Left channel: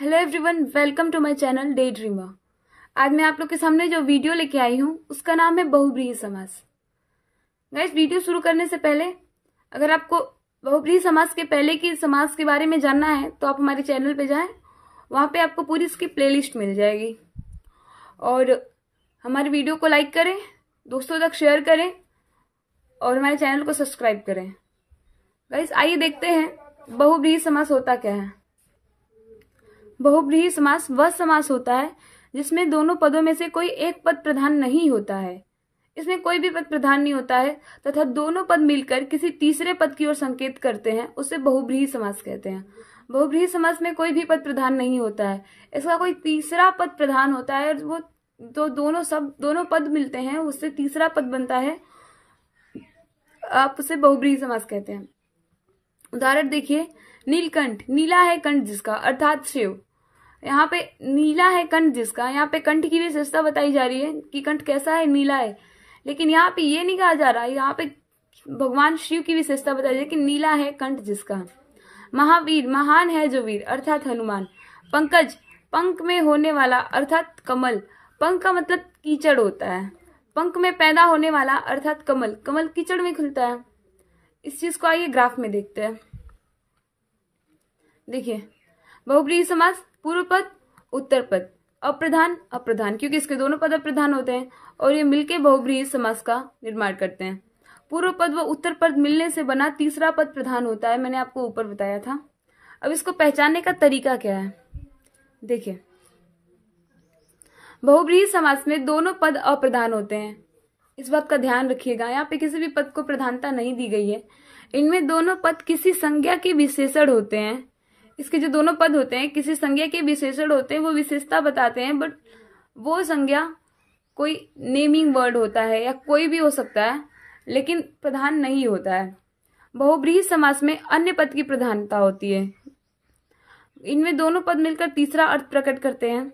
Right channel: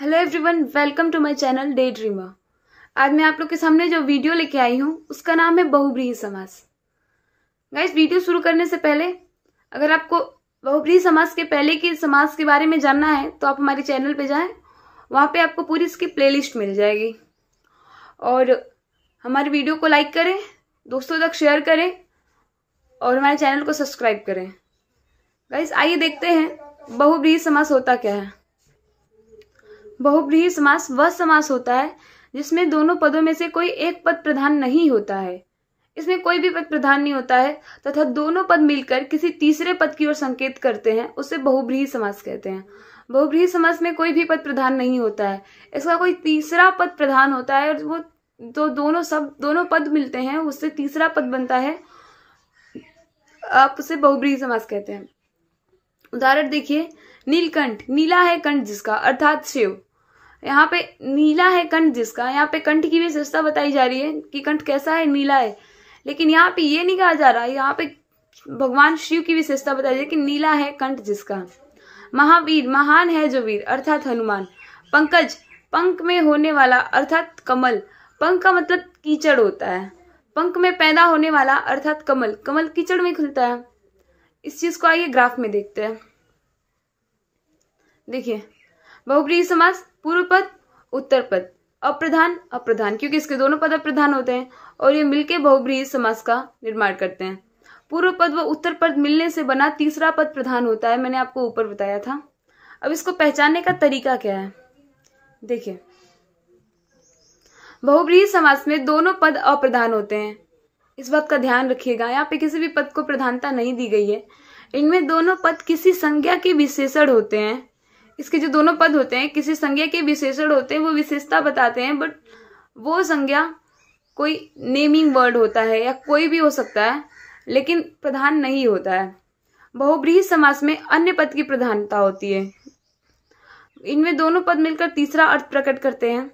Hello everyone, welcome to my channel day dreamer. आज मैं आप लोग के सामने जो वीडियो लेके आई हूँ उसका नाम है बहुब्रीहि समास। गाइस, वीडियो शुरू करने से पहले अगर आपको बहुब्रीहि समास के पहले की समास के बारे में जानना है तो आप हमारे चैनल पे जाएं, वहां पे आपको पूरी इसकी प्लेलिस्ट मिल जाएगी। और हमारी वीडियो को लाइक करें, दोस्तों तक शेयर करें और हमारे चैनल को सब्सक्राइब करें। गाइस, आइए देखते हैं बहुब्रीहि समास होता क्या है। बहुब्रीहि समास वह समास होता है जिसमें दोनों पदों में से कोई एक पद प्रधान नहीं होता है। इसमें कोई भी पद प्रधान नहीं होता है तथा दोनों पद मिलकर किसी तीसरे पद की ओर संकेत करते हैं, उसे बहुब्रीहि समास कहते हैं। बहुब्रीहि समास में कोई भी पद प्रधान नहीं होता है, इसका कोई तीसरा पद प्रधान होता है और वो तो दोनों पद मिलते हैं, उससे तीसरा पद बनता है, आप उसे बहुब्रीहि समास कहते हैं। उदाहरण देखिए, नीलकंठ, नीला है कंठ जिसका, अर्थात शिव। यहाँ पे नीला है कंठ जिसका, यहाँ पे कंठ की विशेषता बताई जा रही है कि कंठ कैसा है, नीला है। लेकिन यहाँ पे ये नहीं कहा जा रहा है, यहाँ पे भगवान शिव की विशेषता बताई जा रही है कि नीला है कंठ जिसका। महावीर, महान है जो वीर, अर्थात हनुमान। पंकज, पंख में होने वाला, अर्थात कमल। पंख का मतलब कीचड़ होता है, पंख में पैदा होने वाला अर्थात कमल। कमल कीचड़ में खिलता है। इस चीज को आइए ग्राफ में देखते हैं। देखिए, बहुब्रीहि समास पूर्व पद, उत्तर पद, अप्रधान, अप्रधान, क्योंकि इसके दोनों पद अप्रधान होते हैं और ये मिलके बहुब्रीहि समास का निर्माण करते हैं। पूर्व पद व उत्तर पद मिलने से बना तीसरा पद प्रधान होता है, मैंने आपको ऊपर बताया था। अब इसको पहचानने का तरीका क्या है, देखिए। बहुब्रीहि समास में दोनों पद अप्रधान होते हैं, इस बात का ध्यान रखिएगा। यहाँ पे किसी भी पद को प्रधानता नहीं दी गई है। इनमें दोनों पद किसी संज्ञा के विशेषण होते हैं। इसके जो दोनों पद होते हैं किसी संज्ञा के विशेषण होते हैं, वो विशेषता बताते हैं, बट वो संज्ञा कोई नेमिंग वर्ड होता है या कोई भी हो सकता है, लेकिन प्रधान नहीं होता है। बहुब्रीहि समास में अन्य पद की प्रधानता होती है। इनमें दोनों पद मिलकर तीसरा अर्थ प्रकट करते हैं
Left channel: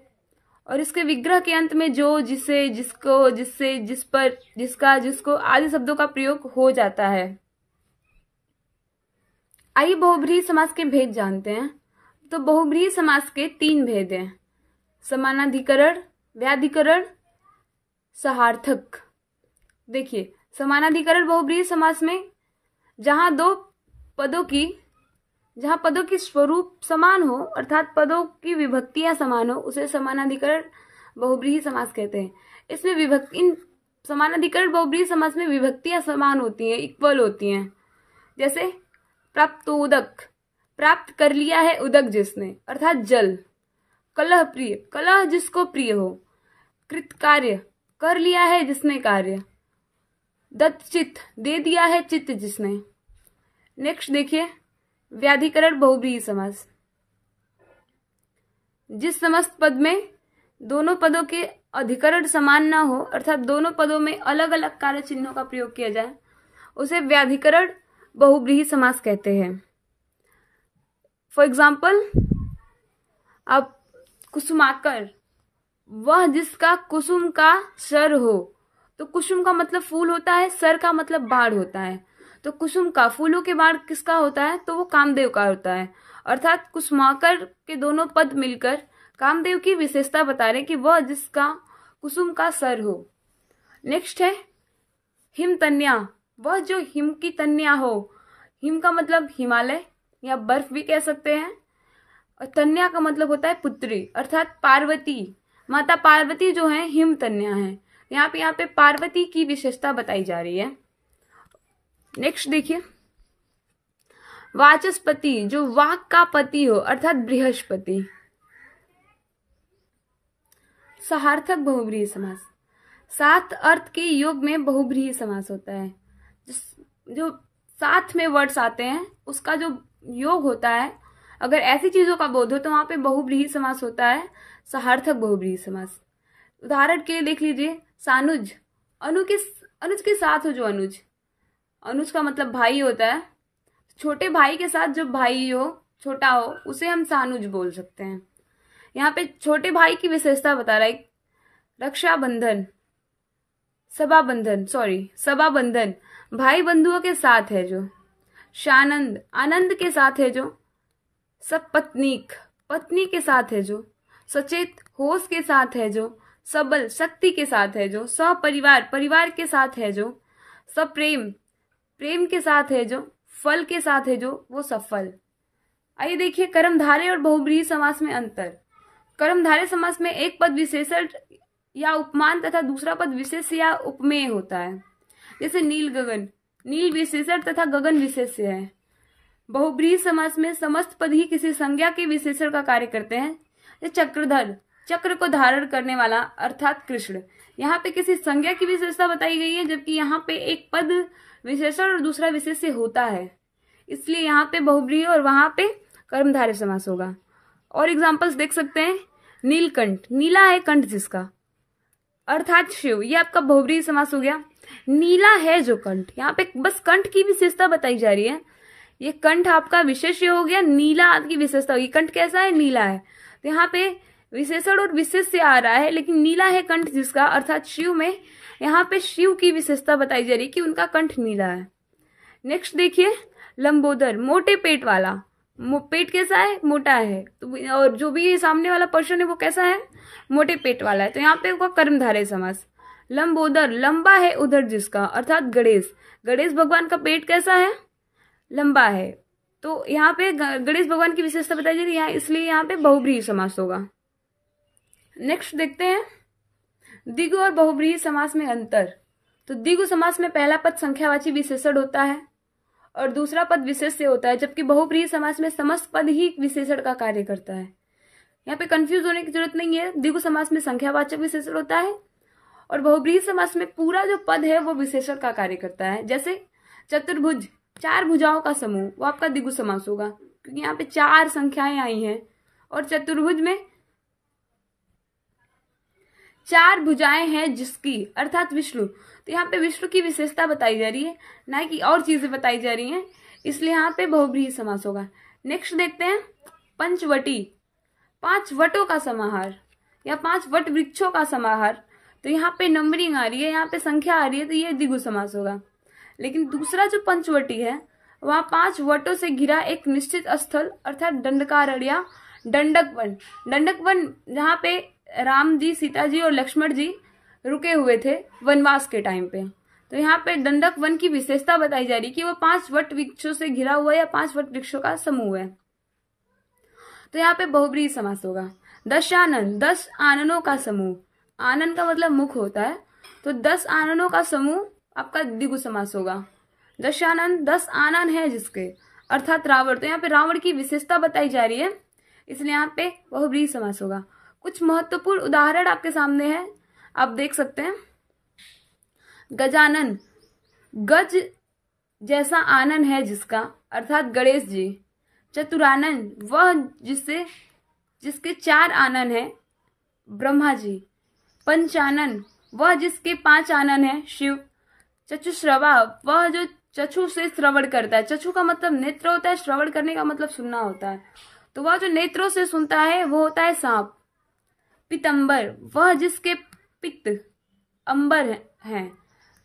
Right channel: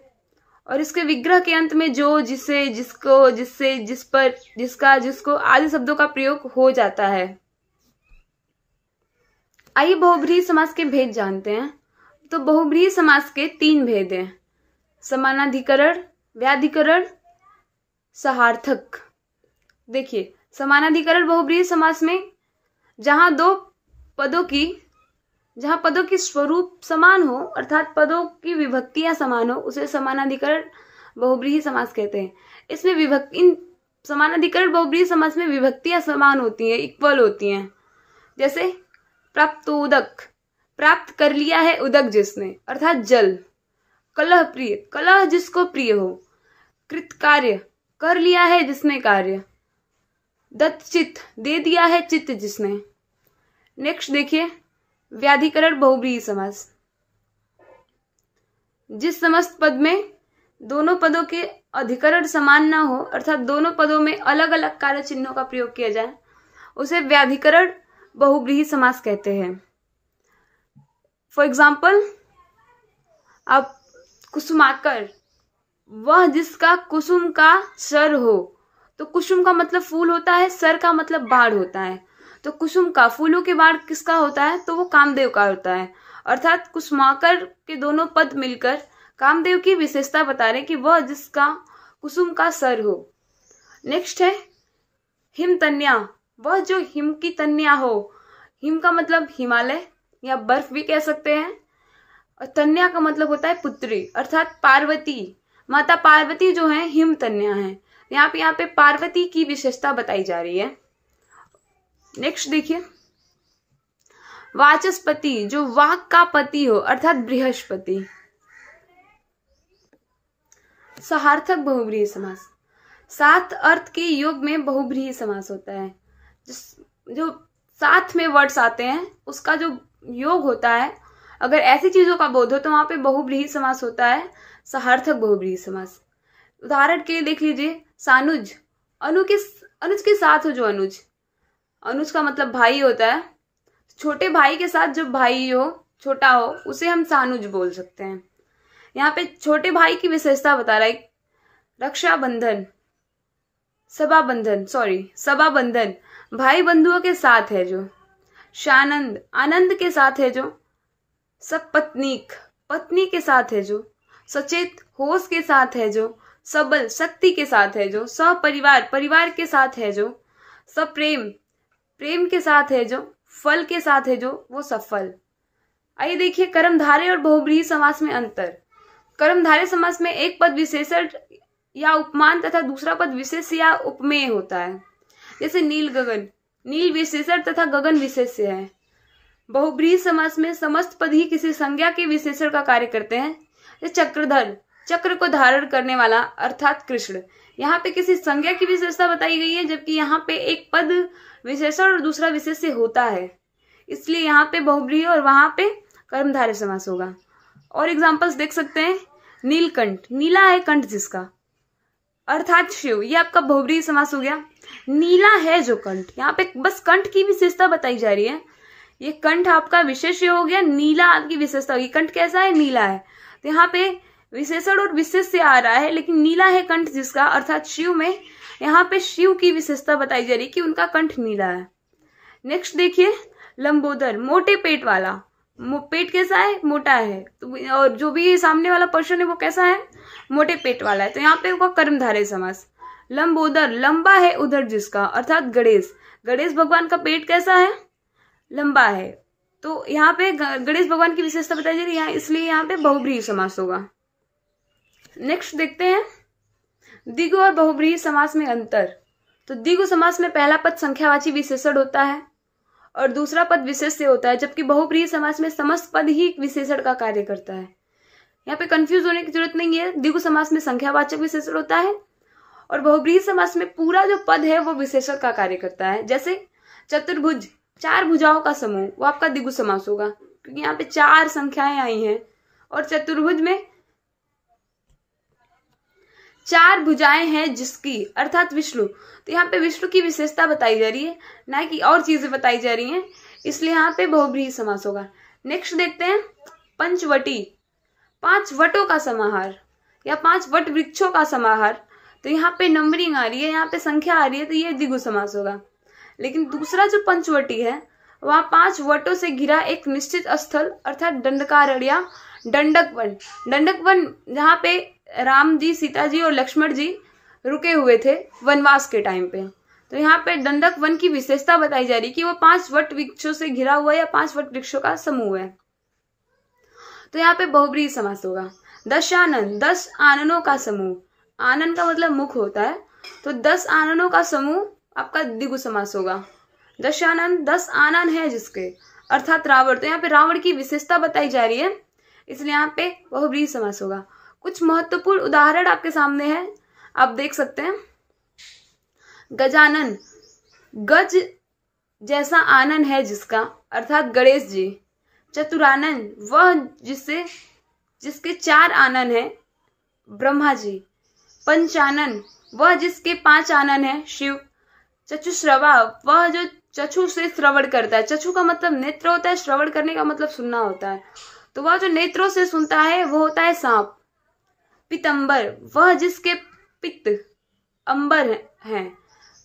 और इसके विग्रह के अंत में जो, जिसे, जिसको, जिससे, जिस पर, जिसका, जिसको आदि शब्दों का प्रयोग हो जाता है। आइए बहुब्रीहि समास के भेद जानते हैं। तो बहुब्रीहि समास के 3 भेद हैं, समानाधिकरण, व्याधिकरण, सहार्थक। देखिए, समानाधिकरण बहुब्रीहि समास में जहां पदों की स्वरूप समान हो, अर्थात पदों की विभक्तियां समान हो, उसे समानाधिकरण बहुब्रीहि समास कहते हैं। इसमें इन समानाधिकरण बहुब्रीहि समास में विभक्तियां समान होती हैं, इक्वल होती हैं। जैसे प्राप्तोदक, प्राप्त कर लिया है उदक जिसने, अर्थात जल। कलह प्रिय, कलह जिसको प्रिय हो। कृतकार्य, कर लिया है जिसने कार्य। दत्तचित्त, दे दिया है चित्त जिसने। नेक्स्ट देखिए, व्याधिकरण बहुब्रीहि समास। जिस समस्त पद में दोनों पदों के अधिकरण समान न हो, अर्थात दोनों पदों में अलग अलग कार्य चिन्हों का प्रयोग किया जाए, उसे व्याधिकरण बहुब्रीहि समास कहते हैं। फॉर एग्जाम्पल, अब कुसुमाकर, वह जिसका कुसुम का सर हो। तो कुसुम का मतलब फूल होता है, सर का मतलब बाढ़ होता है। तो कुसुम का, फूलों के बाढ़ किसका होता है, तो वो कामदेव का होता है। अर्थात कुसुमाकर के दोनों पद मिलकर कामदेव की विशेषता बता रहे कि वह जिसका कुसुम का सर हो। नेक्स्ट है हिमतन्या, वह जो हिम की तन्या हो। हिम का मतलब हिमालय या बर्फ भी कह सकते हैं, और तन्या का मतलब होता है पुत्री, अर्थात पार्वती। माता पार्वती जो है हिमतन्या है। यहाँ पे पार्वती की विशेषता बताई जा रही है। नेक्स्ट देखिए, वाचस्पति, जो वाक का पति हो, अर्थात बृहस्पति। सहार्थक बहुब्रीहि समास, 7 अर्थ के योग में बहुब्रीहि समास होता है। जो साथ में वर्ड्स आते हैं उसका जो योग होता है, अगर ऐसी चीजों का बोध हो तो वहां पे बहुब्रीहि समास होता है, सहार्थक बहुब्रीहि समास। उदाहरण के लिए देख लीजिए, सानुज, अनुज के साथ हो जो अनुज का मतलब भाई होता है। छोटे भाई के साथ जो भाई हो, छोटा हो, उसे हम सानुज बोल सकते हैं। यहाँ पे छोटे भाई की विशेषता बता रहा है। रक्षाबंधन, सभाबंधन, भाई बंधुओं के साथ है जो। शानंद, आनंद के साथ है जो। सपत्नीक, पत्नी के साथ है जो, सचेत होश के साथ है जो, सबल शक्ति के साथ है जो, सपरिवार परिवार के साथ है जो, सप्रेम प्रेम के साथ है जो, फल के साथ है जो, वो सफल। आइए देखिए कर्मधारय और बहुब्रीहि समास में अंतर। कर्मधारय समास में एक पद विशेषण या उपमान तथा दूसरा पद विशेष या उपमेय होता है। जैसे नील गगन, नील विशेषण तथा गगन विशेष्य है। बहुब्रीहि समास में समस्त पद ही किसी संज्ञा के विशेषण का कार्य करते हैं। जैसे चक्रधर, चक्र को धारण करने वाला अर्थात कृष्ण, यहाँ पे किसी संज्ञा की विशेषता बताई गई है, जबकि यहाँ पे एक पद विशेषण और दूसरा विशेष्य होता है, इसलिए यहाँ पे बहुब्रीहि और वहां पे कर्मधारय समास होगा। और एग्जांपल्स देख सकते हैं, नीलकंठ, नीला है कंठ जिसका अर्थात शिव, ये आपका बहुब्रीहि समास हो गया। नीला है जो कंठ, यहाँ पे बस कंठ की विशेषता बताई जा रही है, ये कंठ आपका विशेष्य हो गया, नीला आपकी विशेषता होगी। कंठ कैसा है, नीला है, तो यहाँ पे विशेषण और विशेष्य आ रहा है, लेकिन नीला है कंठ जिसका अर्थात शिव में, यहाँ पे शिव की विशेषता बताई जा रही है कि उनका कंठ नीला है। नेक्स्ट देखिए लंबोदर, मोटे पेट वाला, पेट कैसा है, मोटा है, तो और जो भी सामने वाला पर्सन है वो कैसा है, मोटे पेट वाला है, तो यहाँ पे होगा कर्मधारय समास। लंबोदर, लंबा है उधर जिसका अर्थात गणेश, गणेश भगवान का पेट कैसा है, लंबा है, तो यहाँ पे गणेश भगवान की विशेषता बताई जा रही है, इसलिए यहाँ पे बहुब्रीहि समास होगा। नेक्स्ट देखते हैं द्विगु और बहुब्रीहि समास में अंतर। तो द्विगु समास में पहला पद संख्यावाची विशेषण होता है और दूसरा पद विशेष्य होता है, जबकि बहुब्रीहि समास में समस्त पद ही विशेषण का कार्य करता है। यहाँ पे कंफ्यूज होने की जरूरत नहीं है, द्विगु समास में संख्यावाचक विशेषण होता है और बहुब्रीहि समास में पूरा जो पद है वो विशेषण का कार्य करता है। जैसे चतुर्भुज, चार भुजाओं का समूह, वो आपका द्विगु समास होगा, क्योंकि यहाँ पे चार संख्याएं आई हैं और चतुर्भुज में चार भुजाएं हैं जिसकी अर्थात विष्णु, तो यहाँ पे विष्णु की विशेषता बताई जा रही है, ना कि और चीजें बताई जा रही हैं, इसलिए यहाँ पे बहुब्रीहि समास होगा। नेक्स्ट देखते हैं पंचवटी, पांच वटों का समाहार या पांच वट वृक्षों का समाहार, तो यहाँ पे नंबरिंग आ रही है, यहाँ पे संख्या आ रही है, तो ये द्विगु समास होगा। लेकिन दूसरा जो पंचवटी है वहां पांच वटों से घिरा एक निश्चित स्थल अर्थात दंडकारण्य या दंडक वन, दंडक वन जहाँ पे राम जी, सीता जी और लक्ष्मण जी रुके हुए थे वनवास के टाइम पे, तो यहाँ पे दंडक वन की विशेषता बताई जा रही है कि वो पांच वट वृक्षों से घिरा हुआ या पांच वट वृक्षों का समूह है, तो यहाँ पे बहुब्रीहि समास होगा। दशानन, 10 आननों का समूह, आनन का मतलब मुख होता है, तो 10 आननों का समूह आपका द्विगु समास होगा। दशानन, 10 आनन है जिसके अर्थात रावण, तो यहाँ पे रावण की विशेषता बताई जा रही है, इसलिए यहाँ पे बहुब्रीहि समास होगा। कुछ महत्वपूर्ण उदाहरण आपके सामने है, आप देख सकते हैं। गजानन, गज जैसा आनन है जिसका अर्थात गणेश जी। चतुरानन, वह जिसके 4 आनन है, ब्रह्मा जी। पंचानन, वह जिसके 5 आनन है, शिव। चक्षुश्रवा, वह जो चक्षु से श्रवण करता है, चक्षु का मतलब नेत्र होता है, श्रवण करने का मतलब सुनना होता है, तो वह जो नेत्रों से सुनता है वो होता है सांप। पीतंबर, वह जिसके पित्त अंबर है,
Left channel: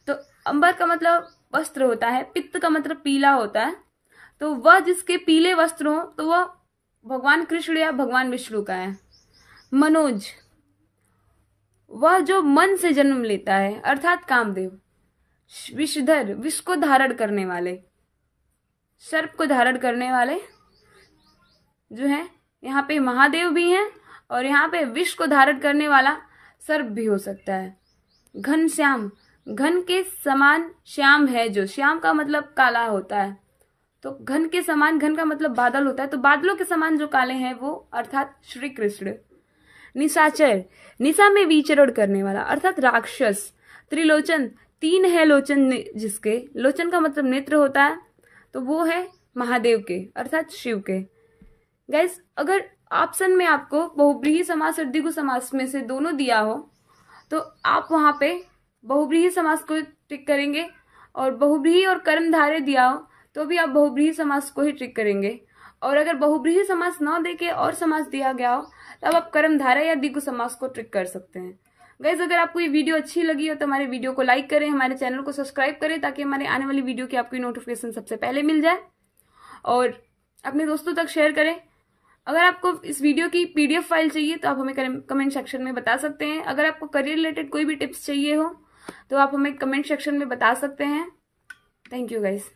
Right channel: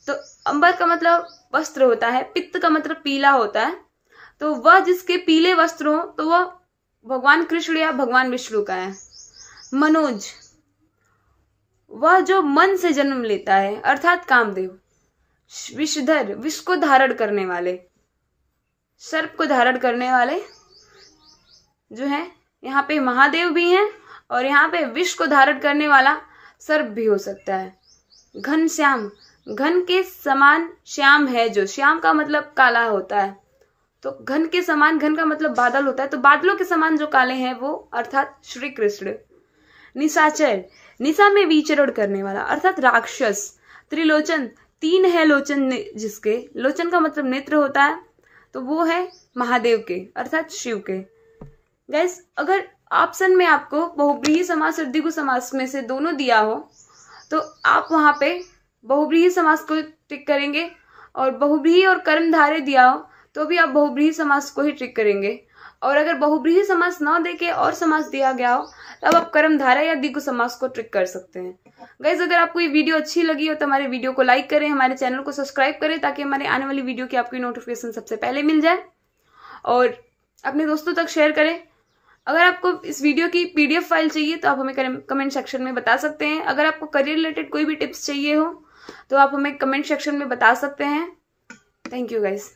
तो अंबर का मतलब वस्त्र होता है, पित्त का मतलब पीला होता है, तो वह जिसके पीले वस्त्र हो तो वह भगवान कृष्ण या भगवान विष्णु का है। मनोज, वह जो मन से जन्म लेता है अर्थात कामदेव। विषधर, विष को धारण करने वाले, सर्प को धारण करने वाले जो है, यहाँ पे महादेव भी हैं और यहाँ पे विष को धारण करने वाला सर्प भी हो सकता है। घनश्याम, घन के समान श्याम है जो, श्याम का मतलब काला होता है, तो घन के समान, घन का मतलब बादल होता है, तो बादलों के समान जो काले हैं वो अर्थात श्री कृष्ण। निशाचर, निशा में विचरण करने वाला अर्थात राक्षस। त्रिलोचन, 3 है लोचन जिसके, लोचन का मतलब नेत्र होता है, तो वो है महादेव के अर्थात शिव के। गाइस, अगर ऑप्शन में आपको बहुब्रीहि समास और द्विगु समास में से दोनों दिया हो तो आप वहां पे बहुब्रीहि समास को टिक करेंगे, और बहुब्रीहि और कर्मधारय दिया हो तो भी आप बहुब्रीहि समास को ही टिक करेंगे, और अगर बहुब्रीहि समास ना देके और समास दिया गया हो तब आप कर्मधारय या द्विगु समास को टिक कर सकते हैं। गाइस, अगर आपको ये वीडियो अच्छी लगी हो तो हमारे वीडियो को लाइक करें, हमारे चैनल को सब्सक्राइब करें ताकि हमारे आने वाली वीडियो की आपकी नोटिफिकेशन सबसे पहले मिल जाए, और अपने दोस्तों तक शेयर करें। अगर आपको इस वीडियो की PDF फाइल चाहिए तो आप हमें कमेंट सेक्शन में बता सकते हैं। अगर आपको करियर रिलेटेड कोई भी टिप्स चाहिए हो तो आप हमें कमेंट सेक्शन में बता सकते हैं। Thank you guys.